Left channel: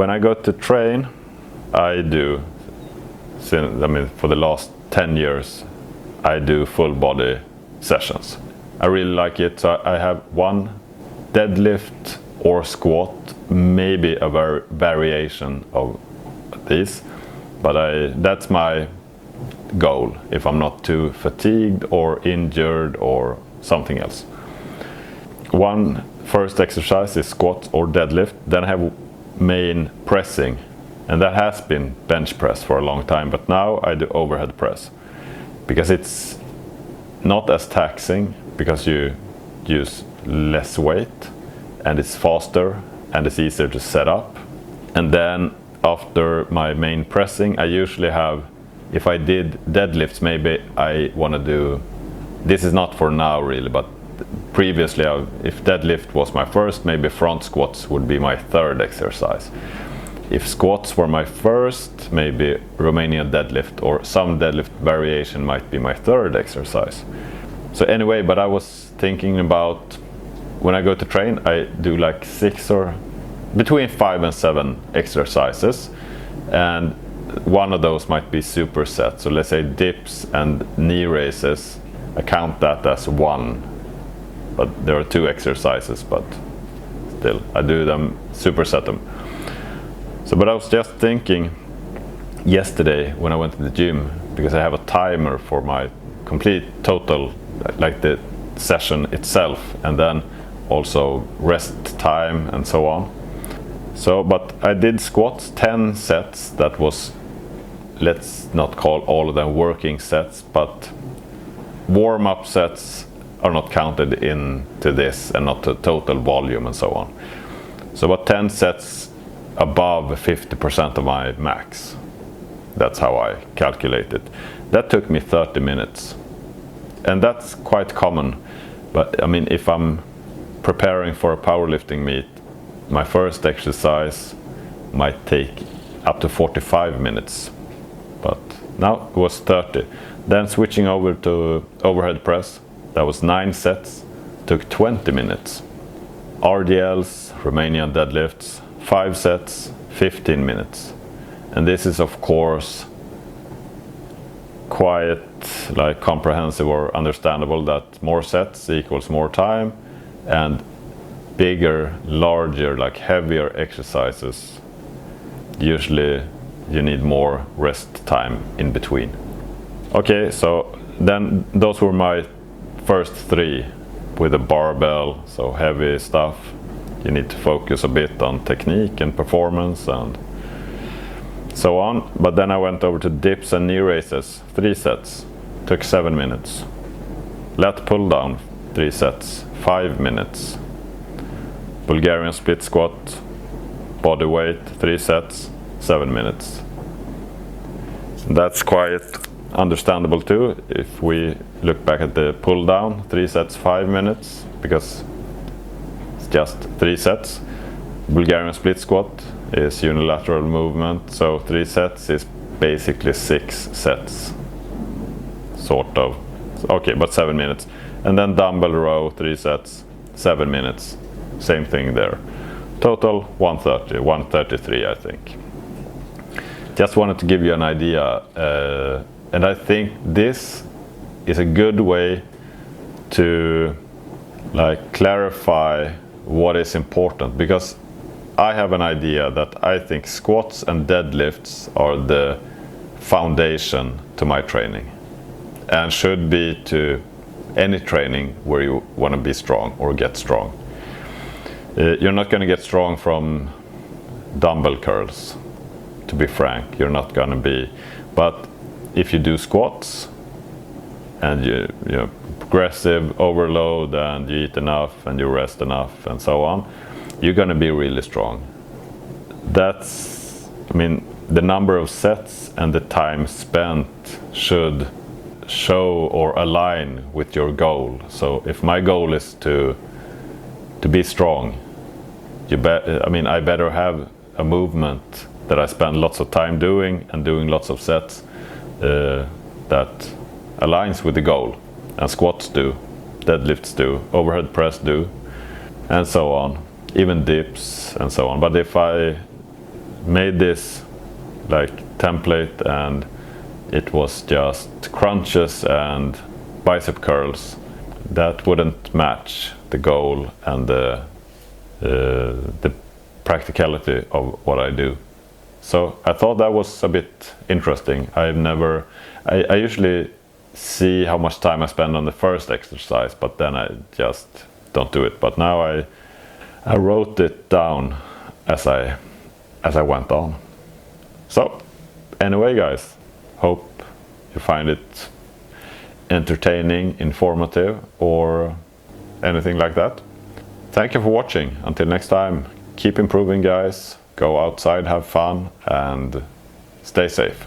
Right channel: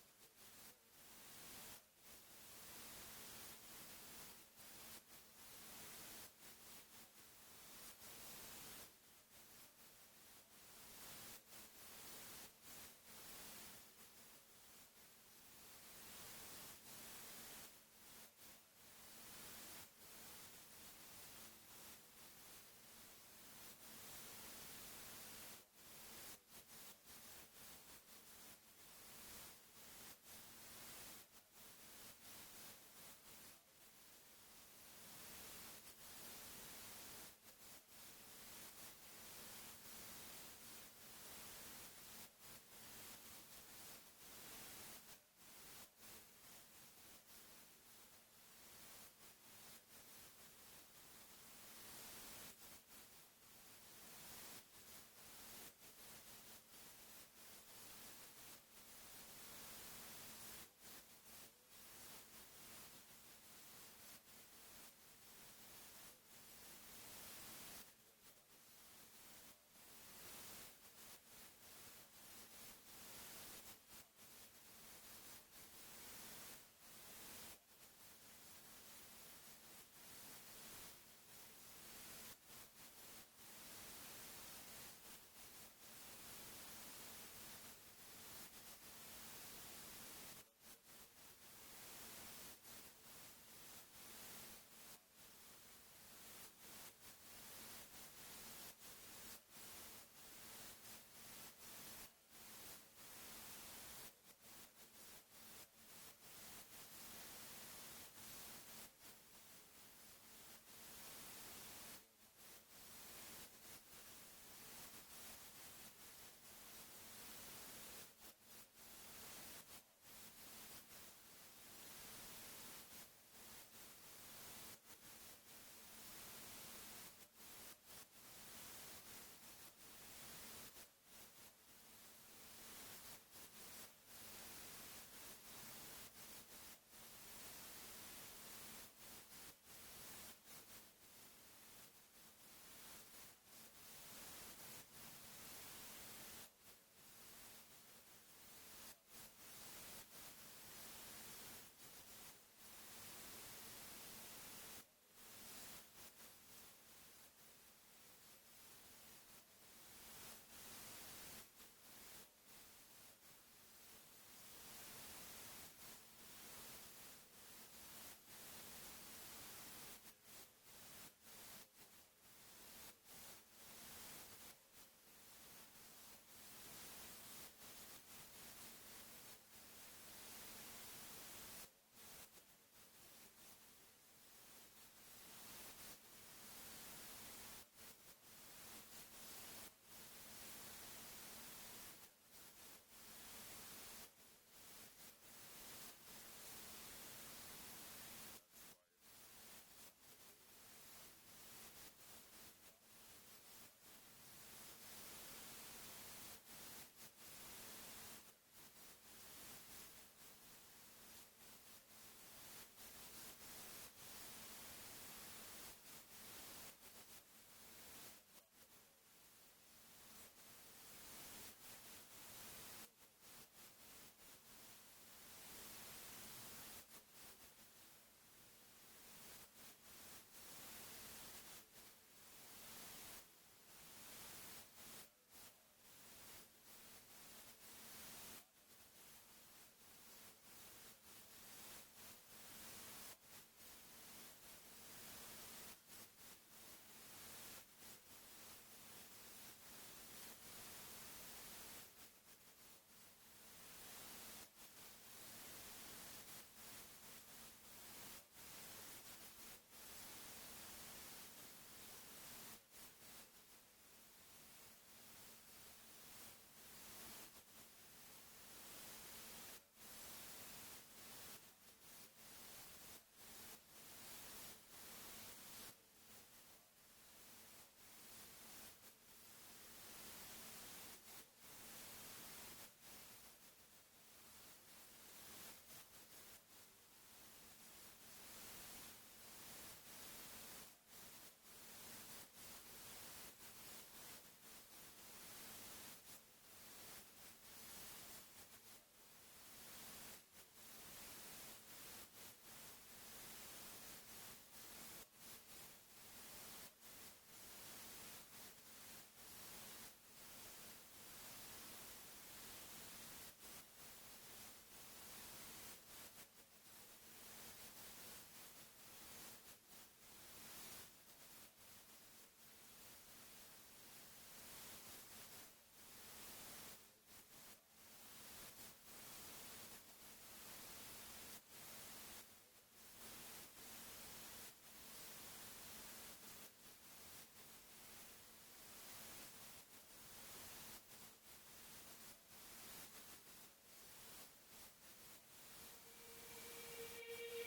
When I go to train, I do, for the last 10 years, I do full body sessions. I really like it. So I have one deadlift or squat, maybe a variation of these, but that's my goal if I'm not too fatigued or injured or something else. One first exercise is squat or deadlift. Then I have main pressing, and that has been bench press for a long time, but now I do overhead press because it's not as taxing, because you use less weight and it's faster and it's easier to set up. And then after my main pressing, I usually have, if I did deadlifts, maybe I want to do, this is not for now really, but previously if deadlift was my first, maybe front squats would be my third exercise. If squats were my first, maybe Romanian deadlift or some deadlift variation might be my third exercise. So anyway, but I was thinking about, when I go to train, I do like 6 or between 5 and 7 exercises, and one of those might be supersets. So let's say dips and knee raises, I count that as one, but there are 2 exercises, but still I do them, superset them. So, but I was just thinking yesterday when I went to the gym, because I have a timer for my complete total, like the session itself, and then also rest time and so on. So, but I did squats 10 sets. That was, let's not call all of them working sets, but warm-up sets are not counted into this, and not the total volume and so on. So about 10 sets above 50% of my max. That's how I calculate it. That took me 30 minutes. And that's quite common. But I mean, if I'm preparing for a powerlifting meet, my first exercise might take up to 45 minutes. But now it was 30. Then switching over to overhead press, that was 9 sets, took 20 minutes. RDLs, Romanian deadlifts, 5 sets, 15 minutes. And this is of course quite like comprehensive or understandable, that more sets equals more time, and bigger, larger, like heavier exercises, usually you need more rest time in between. Okay, so then those were my first 3 with a barbell, so heavy stuff. You need to focus a bit on technique and performance and so on. But then I went over to dips and knee raises, 3 sets, took 7 minutes. Lat pull down, 3 sets, 5 minutes. Bulgarian split squat, body weight, 3 sets, 7 minutes. That's quite understandable too. If we look back at the pull down, 3 sets, 5 minutes, because it's just 3 sets. Bulgarian split squat is unilateral movement, so 3 sets is basically 6 sets, sort of. Okay, but 7 minutes. And then dumbbell row, 3 sets, 7 minutes. Same thing there. Total 130, 133 I think. Just wanted to give you an idea, and I think this is a good way to like clarify what is important, because I have an idea that I think squats and deadlifts are the foundation to my training, and should be to any training where you want to be strong or get strong. You're not going to get strong from dumbbell curls, to be frank. You're not going to be, but if you do squats and you progressive overload and you eat enough and you rest enough and so on, you're going to be really strong. That's, I mean, the number of sets and the time spent should show or align with your goal. So if my goal is to be strong, I better have a movement that I spend lots of time doing and doing lots of sets that aligns with the goal. And squats do, deadlifts do, overhead press do, and so on, even dips and so on. But if I made this like template, and it was just crunches and bicep curls that wouldn't match the goal and the practicality of what I do. So I thought that was a bit interesting. I usually see how much time I spend on the first exercise, but then I just don't do it. But now I wrote it down as I went on. So anyway, guys, hope you find it entertaining, informative, or anything like that. Thank you for watching. Until next time, keep improving, guys. Go outside, have fun, and stay safe.